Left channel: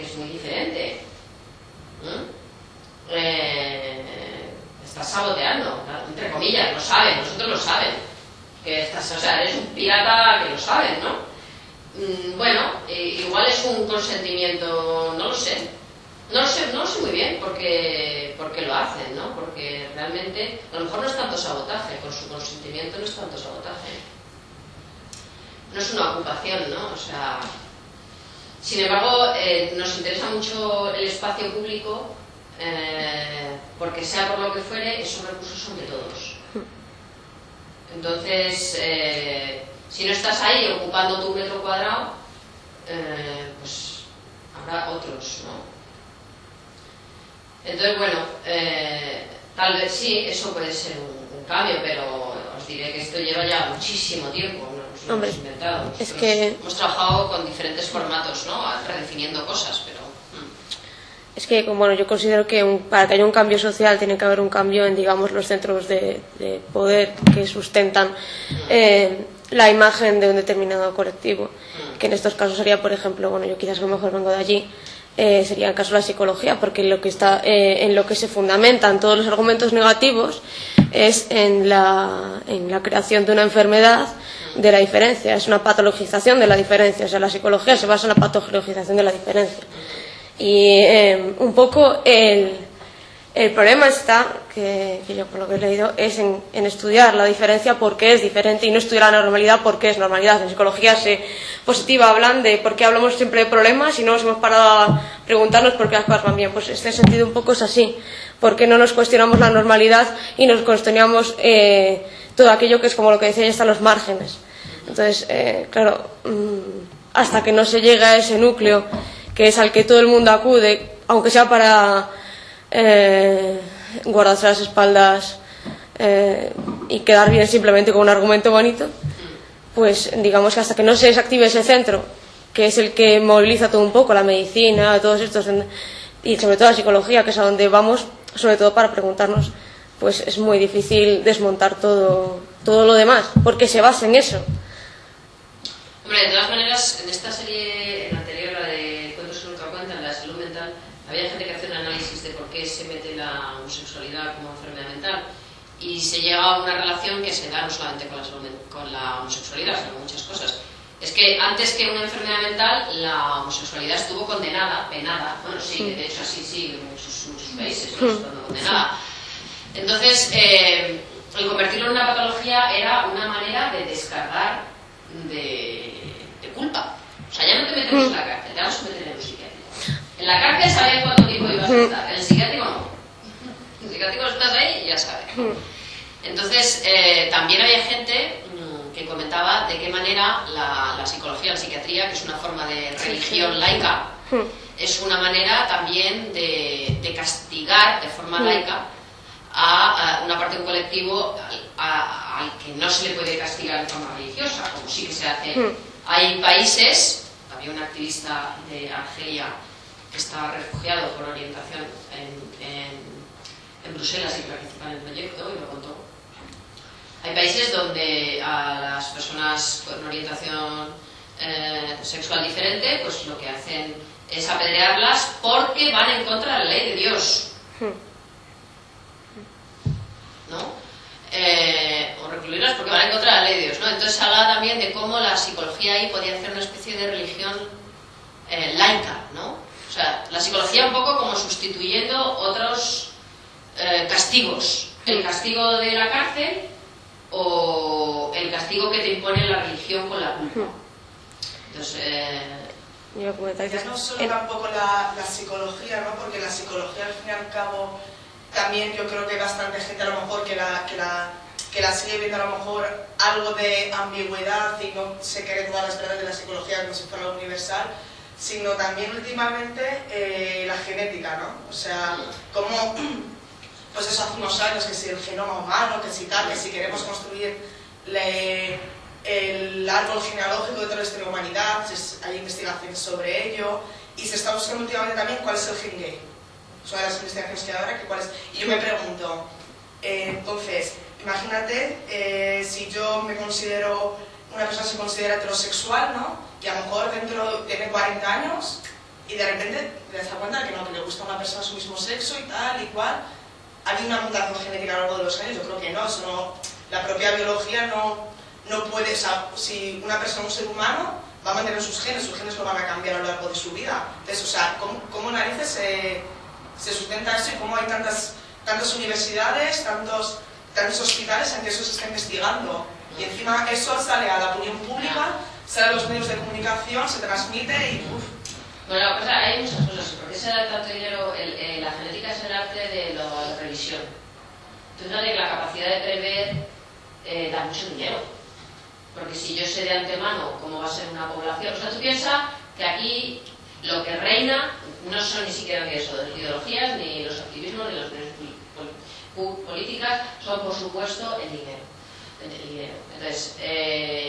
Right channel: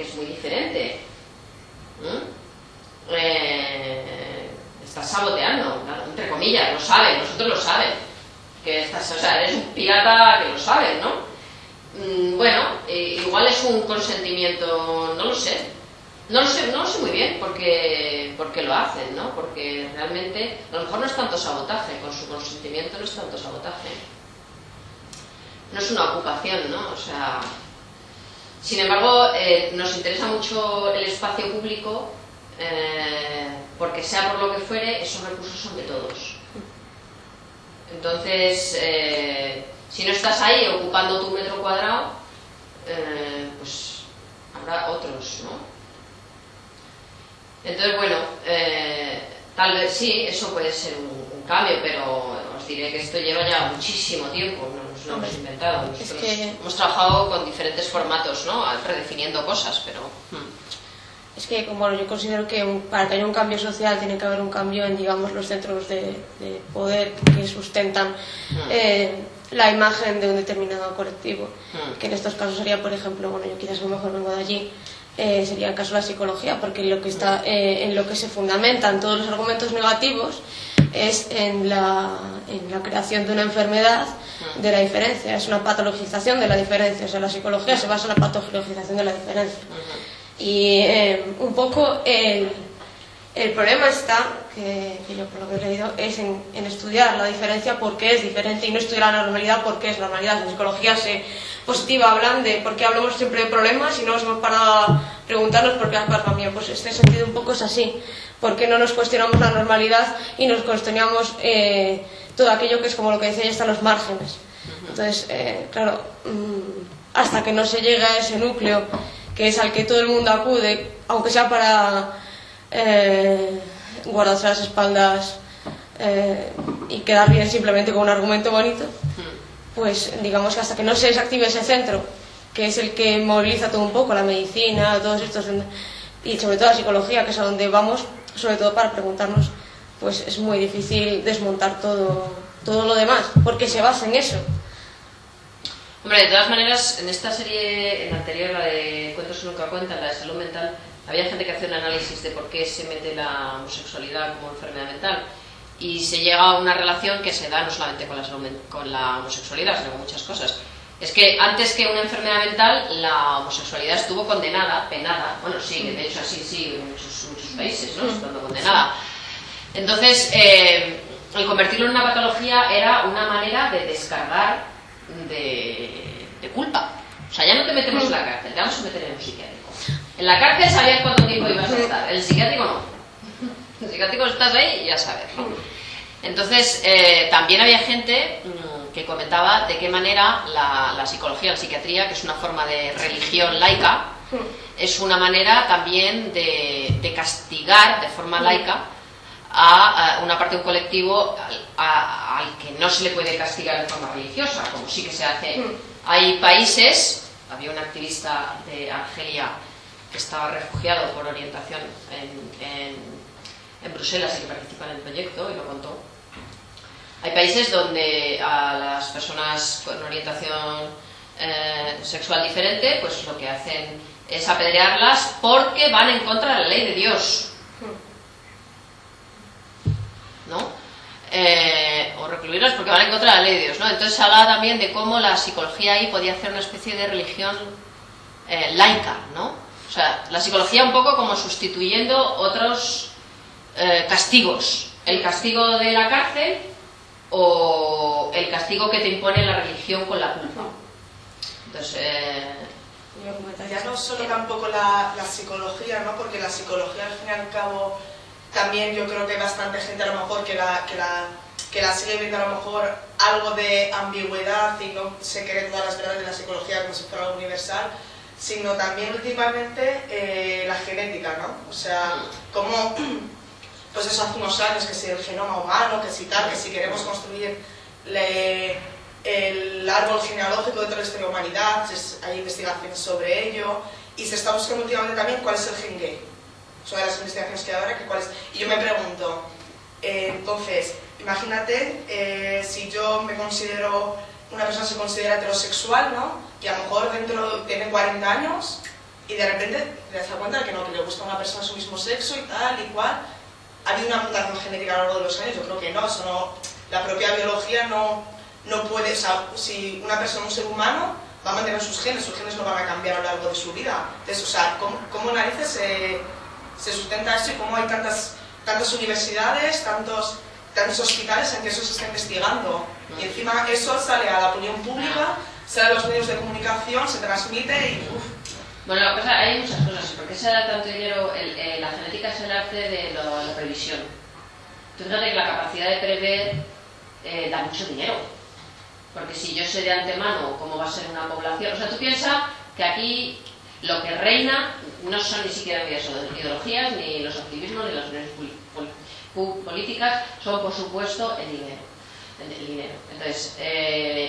que es muy diferente. Estás saboteando, entre comillas, lo saben, nosotros lo saben. Que estás, o sea, eres un pirata que lo sabes, ¿no? Bueno, igual es un consentimiento, no lo sé. No lo sé muy bien porque lo hacen, ¿no? Porque realmente a lo mejor no es tanto sabotaje, con su consentimiento no es tanto sabotaje. No es una ocupación, ¿no? O sea, sin embargo, nos interesa mucho el espacio público porque sea por lo que fuere, esos recursos son de todos. Entonces, si no estás ahí ocupando tu metro cuadrado, pues habrá otros, ¿no? Entonces, bueno, tal vez sí, eso puede ser un cambio, pero os diré que esto lleva ya muchísimo tiempo, no nos lo hemos inventado. Nosotros hemos trabajado con diferentes formatos, ¿no? Redefiniendo cosas, pero... Es que, bueno, yo considero que para que haya un cambio social tiene que haber un cambio en, digamos, los centros de poder que sustentan la imagen de un determinado colectivo, que en estos casos sería, por ejemplo, bueno, yo quizás a lo mejor vengo de allí, sería el caso de la psicología, porque lo que está, en lo que se fundamentan todos los argumentos negativos es en la creación de una enfermedad de la diferencia, es una patologización de la diferencia, o sea, la psicología se basa en la patologización de la diferencia. Y un poco el problema está, que yo por lo que he leído, es en estudiar la diferencia porque es diferente y no estudiar la normalidad porque es normalidad. En psicología positiva hablan de por qué hablamos siempre de problemas y no nos hemos parado a preguntarnos por qué las cosas van bien. Pues en este sentido un poco es así. ¿Por qué no nos cuestionamos la normalidad y nos cuestionamos todo aquello que es como lo que decía ya, están los márgenes? Entonces, claro, hasta que no se llega a ese núcleo que es al que todo el mundo acude, aunque sea para guardarse las espaldas y quedar bien simplemente con un argumento bonito, pues digamos que hasta que no se desactive ese centro, que es el que moviliza todo un poco, la medicina, todos estos, y sobre todo la psicología, que es a donde vamos, sobre todo para preguntarnos, pues es muy difícil desmontar todo lo demás, porque se basa en eso. Hombre, de todas maneras, en esta serie, en la anterior, la de Cuentos que nunca cuentan, la de salud mental, había gente que hacía un análisis de por qué se mete la homosexualidad como enfermedad mental y se llega a una relación que se da no solamente con la homosexualidad, sino con muchas cosas. Es que antes que una enfermedad mental, la homosexualidad estuvo condenada, penada, bueno, sí, de hecho así sí, en muchos países, ¿no? Estando condenada. Entonces, el convertirlo en una patología era una manera de descargar de culpa. O sea, ya no te metemos en la cárcel, te vamos a meter en un psiquiátrico. En la cárcel sabías cuánto tiempo ibas a estar, en el psiquiátrico no. En el psiquiátrico estás ahí y ya sabes. Entonces, también había gente que comentaba de qué manera la psicología, la psiquiatría, que es una forma de religión laica, es una manera también de castigar de forma laica a una parte de un colectivo al que no se le puede castigar de forma religiosa, como sí que se hace. Hay países, había un activista de Argelia que estaba refugiado por orientación en Bruselas y que participa en el proyecto y lo contó. Hay países donde a las personas con orientación sexual diferente, pues lo que hacen es apedrearlas porque van en contra de la ley de Dios, ¿no? O recluirlas porque van en contra de la ley de Dios, ¿no? Entonces se habla también de cómo la psicología ahí podía hacer una especie de religión laica, ¿no? O sea, la psicología un poco como sustituyendo otros castigos, el castigo de la cárcel o el castigo que te impone la religión con la culpa. Entonces, ya no solo tampoco la psicología, ¿no? Porque la psicología al fin y al cabo también yo creo que hay bastante gente a lo mejor que la sigue viendo a lo mejor algo de ambigüedad y no se cree todas las verdades de la psicología como si fuera algo universal, sino también últimamente la genética, ¿no? O sea, como pues eso hace unos años que si el genoma humano, que si tal, que si queremos construir el árbol genealógico de toda la historia de la humanidad, hay investigaciones sobre ello y se está buscando últimamente también cuál es el gen gay. Son las investigaciones que hay ahora, que cuál es. Y yo me pregunto, entonces, imagínate si yo me considero, una persona se considera heterosexual, ¿no? Y a lo mejor dentro tiene 40 años y de repente te das cuenta de que no, que le gusta a una persona de su mismo sexo y tal y cual. ¿Ha habido una mutación genética a lo largo de los años? Yo creo que no, eso no, la propia biología no puede, o sea, si una persona, un ser humano, va a mantener sus genes no van a cambiar a lo largo de su vida. Entonces, o sea, ¿cómo narices se sustenta eso y cómo hay tantas universidades, tantos hospitales en que eso se está investigando? Y encima eso sale a la opinión pública, sale a los medios de comunicación, se transmite y uff. Bueno, hay muchas cosas. ¿Por qué se da tanto dinero? La genética es el arte de la previsión. Tú fíjate que la capacidad de prever da mucho dinero. Porque si yo sé de antemano cómo va a ser una población... O sea, tú piensas que aquí lo que reina no son ni siquiera las ideologías, ni los activismos, ni las opiniones políticas, son por supuesto el dinero. Entonces,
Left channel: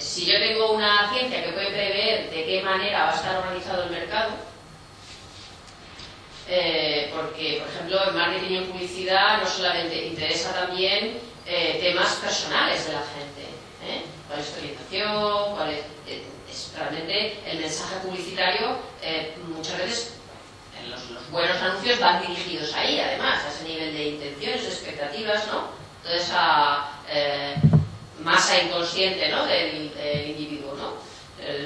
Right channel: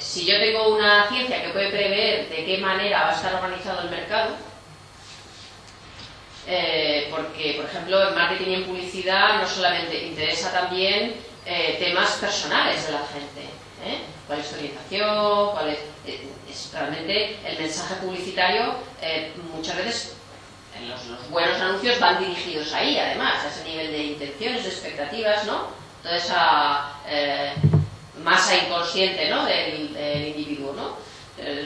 si yo tengo una ciencia que puede prever de qué manera va a estar organizado el mercado, porque, por ejemplo, en marketing y en publicidad no solamente interesa también temas personales de la gente, cuál es su orientación, cuál es realmente el mensaje publicitario. Muchas veces los buenos anuncios van dirigidos ahí, además, a ese nivel de intenciones, de expectativas, ¿no? Toda esa masa inconsciente, ¿no? del individuo, ¿no?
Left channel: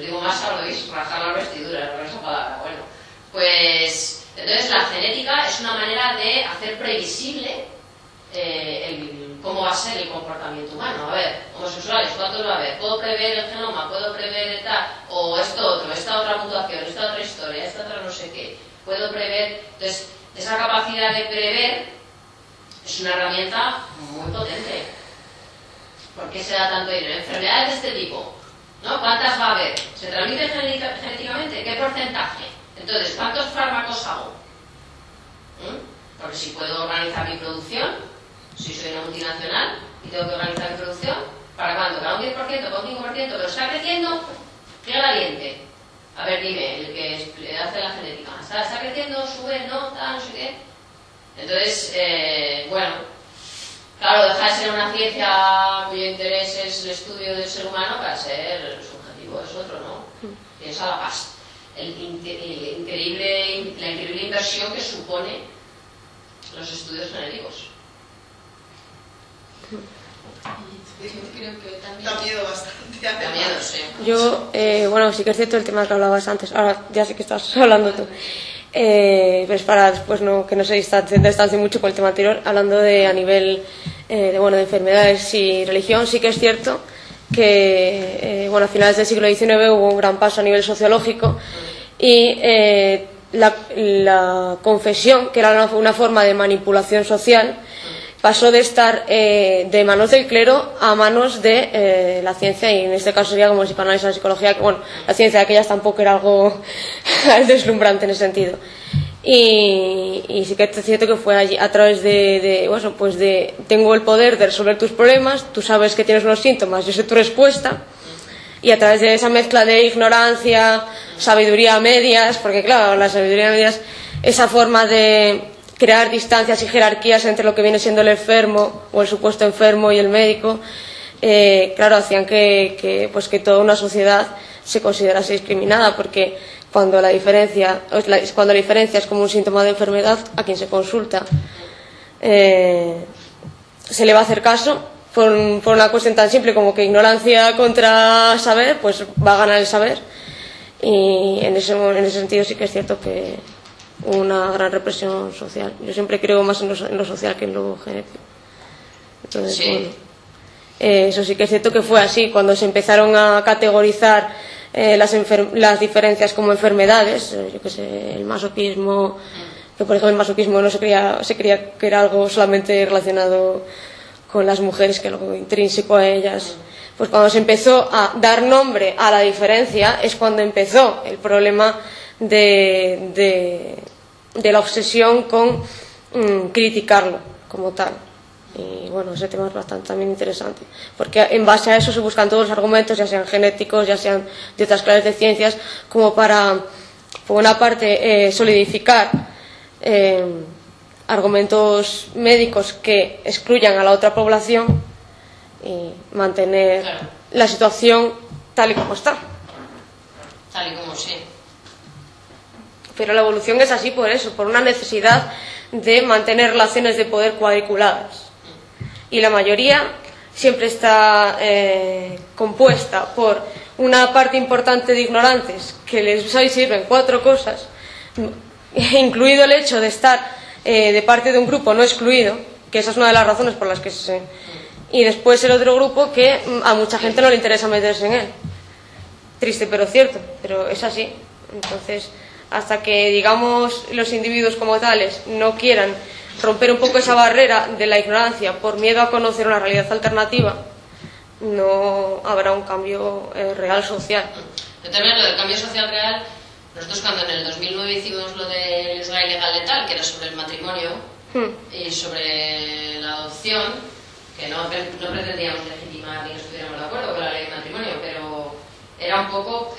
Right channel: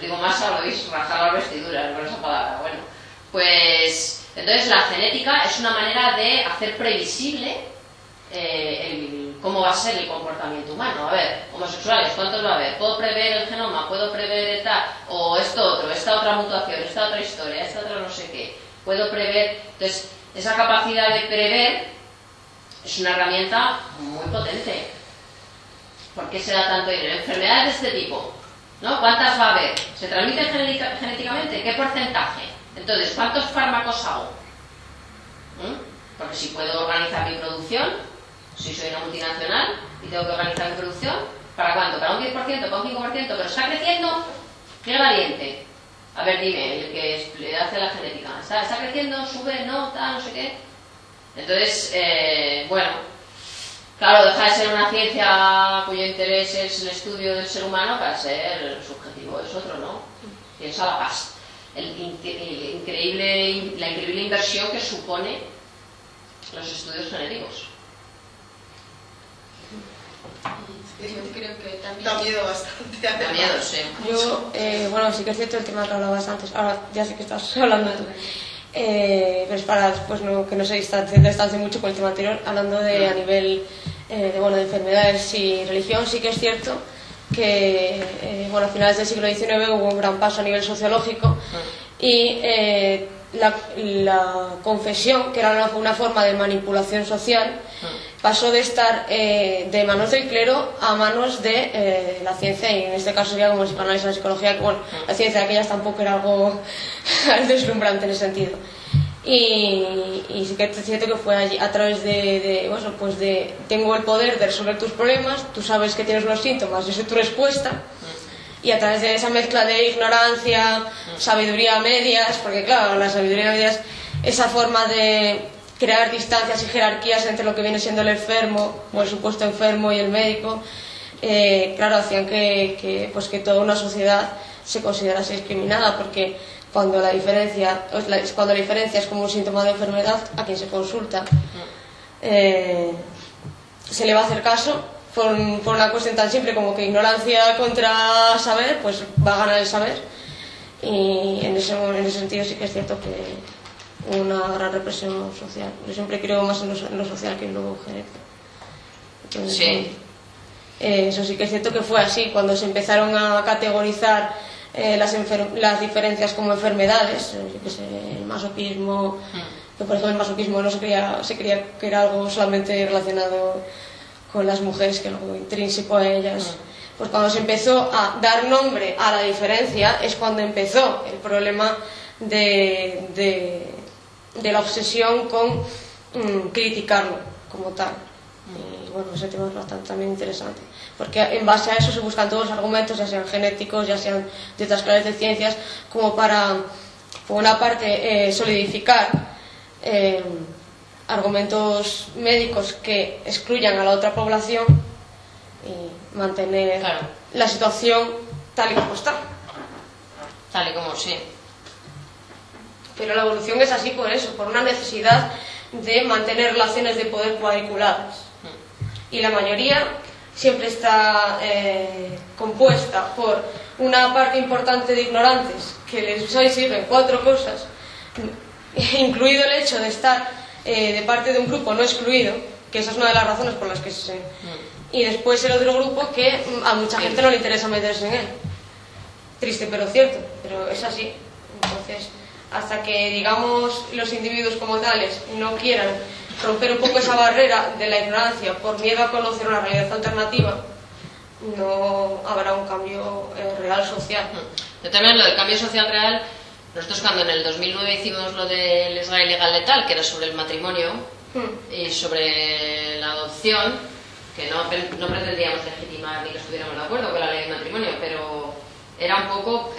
Digo masa, lo veis, rajar las vestiduras, con esa palabra. Bueno, pues entonces la genética es una manera de hacer previsible cómo va a ser el comportamiento humano. A ver, homosexuales, ¿cuántos va a haber? ¿Puedo prever el genoma? ¿Puedo prever tal? O esto otro, esta otra mutación, esta otra historia, esta otra no sé qué. Puedo prever. Entonces, esa capacidad de prever es una herramienta muy potente. ¿Por qué se da tanto dinero? Enfermedades de este tipo, ¿no? ¿Cuántas va a haber? ¿Se transmiten genéticamente? ¿Qué porcentaje? Entonces, ¿cuántos fármacos hago? Porque si puedo organizar mi producción, si soy una multinacional y tengo que organizar mi producción, ¿para cuánto? ¿Para un 10%? ¿Para un 5%? ¿Pero está creciendo? ¡Qué valiente! A ver, dime, el que le hace la genética. ¿Está creciendo? ¿Sube? ¿No? ¿Tal? No sé qué. Entonces, bueno, claro, deja de ser una ciencia cuyo interés es el estudio del ser humano para ser su objetivo es otro, ¿no? Piensa la paz. La increíble inversión que supone los estudios genéticos. Yo creo que también... Da miedo bastante. Da miedo, sí. Yo, bueno, sí que es cierto el tema que hablabas antes, ahora ya sé que estás hablando tú, pero es para después que no se distancie mucho con el tema anterior, hablando de a nivel de enfermedades y religión. Sí que es cierto que a finales del siglo XIX hubo un gran paso a nivel sociológico y la confesión, que era una forma de manipulación social, pasó de estar de manos del clero a manos de la ciencia, y en este caso sería como el psicoanálisis o la psicología, que la ciencia de aquellas tampoco era algo deslumbrante en ese sentido. Y sí que es cierto que fue allí a través de tengo el poder de resolver tus problemas, tú sabes que tienes unos síntomas, yo sé tu respuesta, y a través de esa mezcla de ignorancia, sabiduría a medias, porque claro, la sabiduría a medias, esa forma de crear distancias y jerarquías entre lo que viene siendo el enfermo o el supuesto enfermo y el médico, claro, hacían que toda una sociedad se considerase discriminada, porque cuando la diferencia es como un síntoma de enfermedad, a quien se consulta se le va a hacer caso por una cuestión tan simple como que ignorancia contra saber, pues va a ganar el saber. Y en ese sentido sí que es cierto que una gran represión social. Yo siempre creo más en lo social que en lo genético. Entonces, sí. Eso sí que es cierto que fue así. Cuando se empezaron a categorizar las diferencias como enfermedades, yo que sé, el masoquismo, que por ejemplo el masoquismo no se creía que era algo solamente relacionado con las mujeres, que algo intrínseco a ellas. Pues cuando se empezó a dar nombre a la diferencia es cuando empezó el problema de la obsesión con criticarlo como tal. Y bueno, ese tema es bastante también interesante, porque en base a eso se buscan todos los argumentos, ya sean genéticos, ya sean de otras clases de ciencias, como para, por una parte, solidificar argumentos médicos que excluyan a la otra población y mantener la situación tal y como está. Tal y como sí. Pero la evolución es así por eso, por una necesidad de mantener relaciones de poder cuadriculadas. Y la mayoría siempre está compuesta por una parte importante de ignorantes que les sirven 4 cosas, incluido el hecho de estar de parte de un grupo no excluido, que esa es una de las razones por las que se... Y después el otro grupo que a mucha gente no le interesa meterse en él. Triste pero cierto, pero es así. Entonces, hasta que, digamos, los individuos como tales no quieran romper un poco esa barrera de la ignorancia por miedo a conocer una realidad alternativa, no habrá un cambio real social. Yo también lo del cambio social real, nosotros cuando en el 2009 hicimos lo del Israel legal letal, que era sobre el matrimonio y sobre la adopción, que no pretendíamos legitimar ni que estuviéramos de acuerdo con la ley de matrimonio, pero era un poco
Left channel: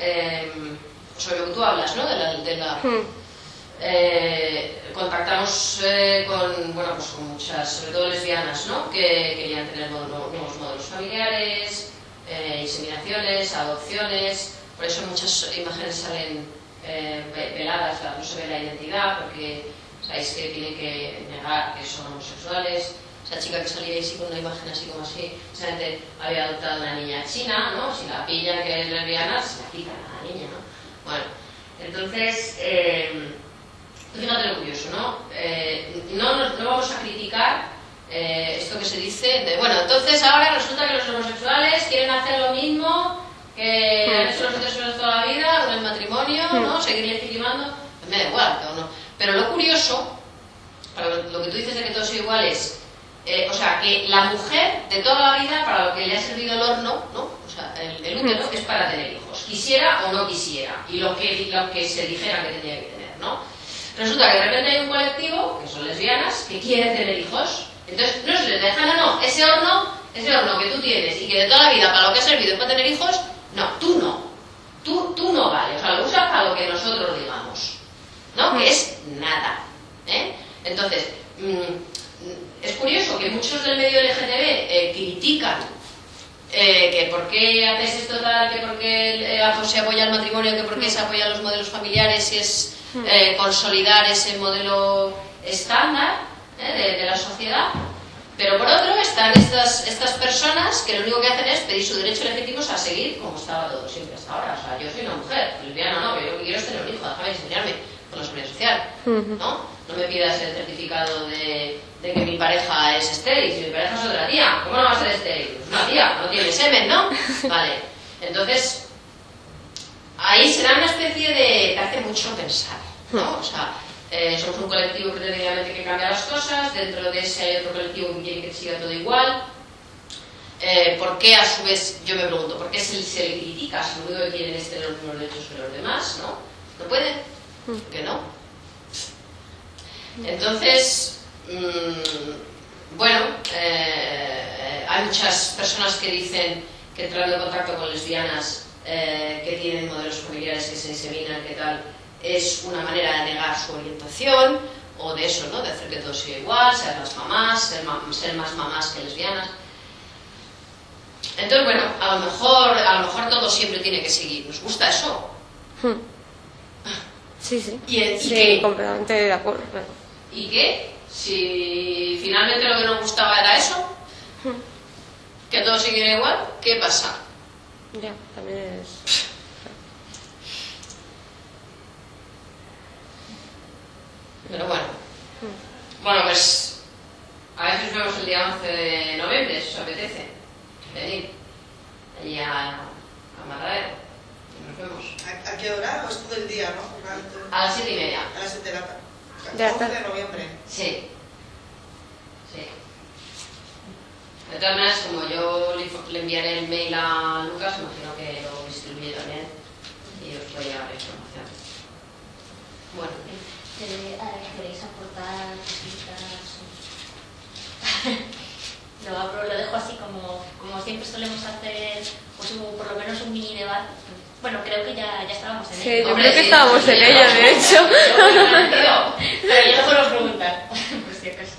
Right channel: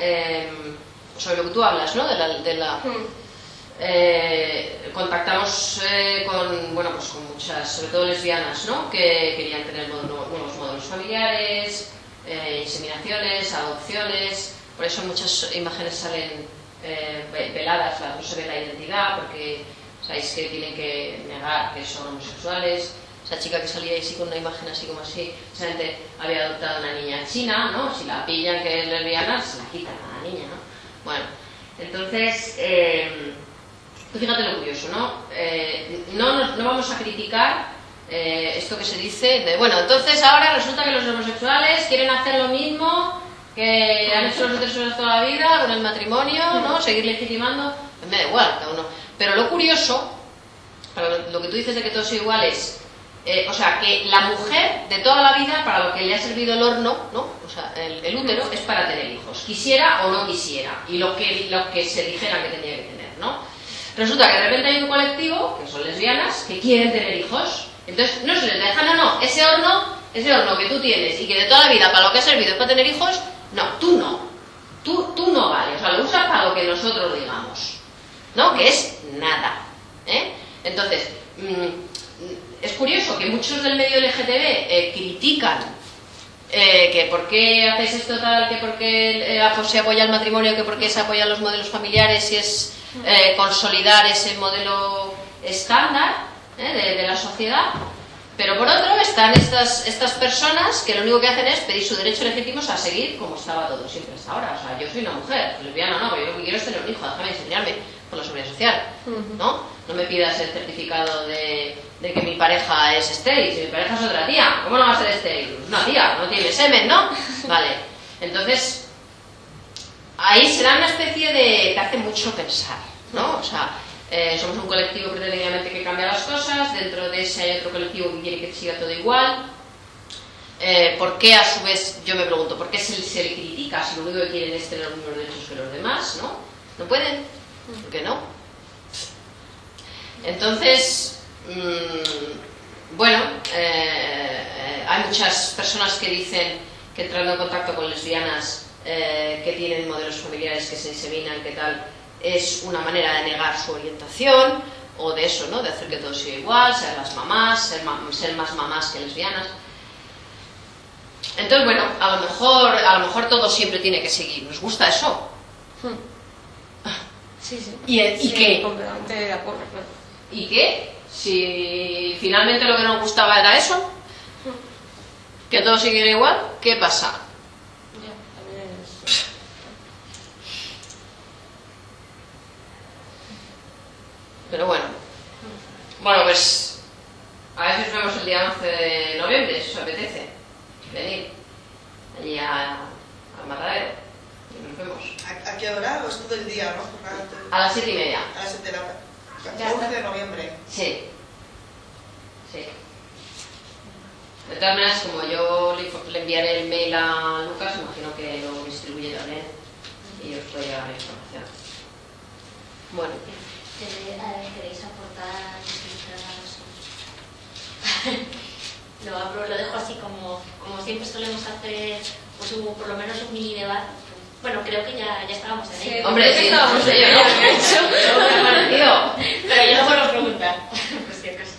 sobre lo que tú hablas, ¿no? Contactamos con muchas, sobre todo lesbianas, ¿no? Que querían tener nuevos modelos familiares, inseminaciones, adopciones. Por eso muchas imágenes salen peladas, no se ve la identidad, porque sabéis que tienen que negar que son homosexuales. Esa chica que salía ahí sí con una imagen así como así, precisamente había adoptado a una niña china, ¿no? Si la pillan que es lesbiana, se la quitan a la niña, ¿no? Bueno, entonces, tú fíjate lo curioso, ¿no? No vamos a criticar esto que se dice de, bueno, entonces ahora resulta que los homosexuales quieren hacer lo mismo que han hecho los heterosexuales toda la vida con el matrimonio, ¿no? Seguir legitimando, me da igual, cada uno. Pero lo curioso, lo que tú dices de que todos son iguales, o sea, que la mujer de toda la vida, para lo que le ha servido el horno, ¿no? O sea, el útero es para tener hijos, quisiera o no quisiera, y lo que se dijera que tenía que tener, ¿no? Resulta que de repente hay un colectivo, que son lesbianas, que quieren tener hijos, entonces no se les deja, no, ese horno que tú tienes y que de toda la vida para lo que ha servido es para tener hijos, no, tú no vale, o sea, lo usas para lo que nosotros digamos, ¿no? Que es nada, ¿eh? Entonces, es curioso que muchos del medio LGTB critican que por qué hacéis esto tal, que por qué se apoya el matrimonio, que por qué se apoyan los modelos familiares y es consolidar ese modelo estándar de la sociedad. Pero por otro están estas personas que lo único que hacen es pedir su derecho legítimo a seguir como estaba todo siempre hasta ahora. O sea, yo soy una mujer, lesbiana no, pero yo lo que quiero es tener un hijo, déjame enseñarme por la seguridad social, ¿no? No me pidas el certificado de que mi pareja es estéril, si mi pareja es otra tía, ¿cómo no va a ser estéril? Es una tía, no tiene semen, ¿no? Vale, entonces ahí se da una especie de... que hace mucho pensar, ¿no? O sea, somos un colectivo pretendidamente que cambia las cosas, dentro de ese hay otro colectivo que quiere que siga todo igual. ¿Por qué a su vez, yo me pregunto, por qué se le critica si lo único que quieren es tener los mismos derechos que los demás, ¿no? ¿No pueden? ¿Por qué no? Entonces, hay muchas personas que dicen que entrando en contacto con lesbianas que tienen modelos familiares que se inseminan, que tal, es una manera de negar su orientación o de eso, ¿no? De hacer que todo siga igual, ser las mamás, ser más mamás que lesbianas. Entonces, bueno, a lo mejor todo siempre tiene que seguir. ¿Nos gusta eso? Sí, sí. ¿Y qué? Completamente de acuerdo. ¿Y qué? Si finalmente lo que nos gustaba era eso, que todo siguiera igual, ¿qué pasa? Ya, también es... Pero bueno, pues a ver si nos vemos el día 11 de noviembre, si os apetece venir allí al matadero y nos vemos. ¿A qué hora? ¿O es todo el día, no? A las 7:30. A las 7 de la tarde. 11 de noviembre. Sí. De todas maneras, como yo le enviaré el mail a Lucas, imagino que lo distribuye también y os puede llegar la información. Bueno. ¿Queréis aportar cositas? Lo dejo así como siempre solemos hacer, pues por lo menos un mini debate. Bueno, creo que ya estábamos en ello. Hombre, que estábamos en ello, de hecho. Pero yo no puedo preguntar, por si acaso.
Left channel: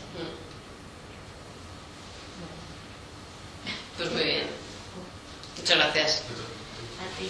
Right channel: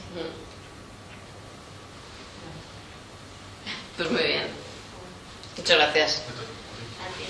Pues muy bien. Muchas gracias. A ti.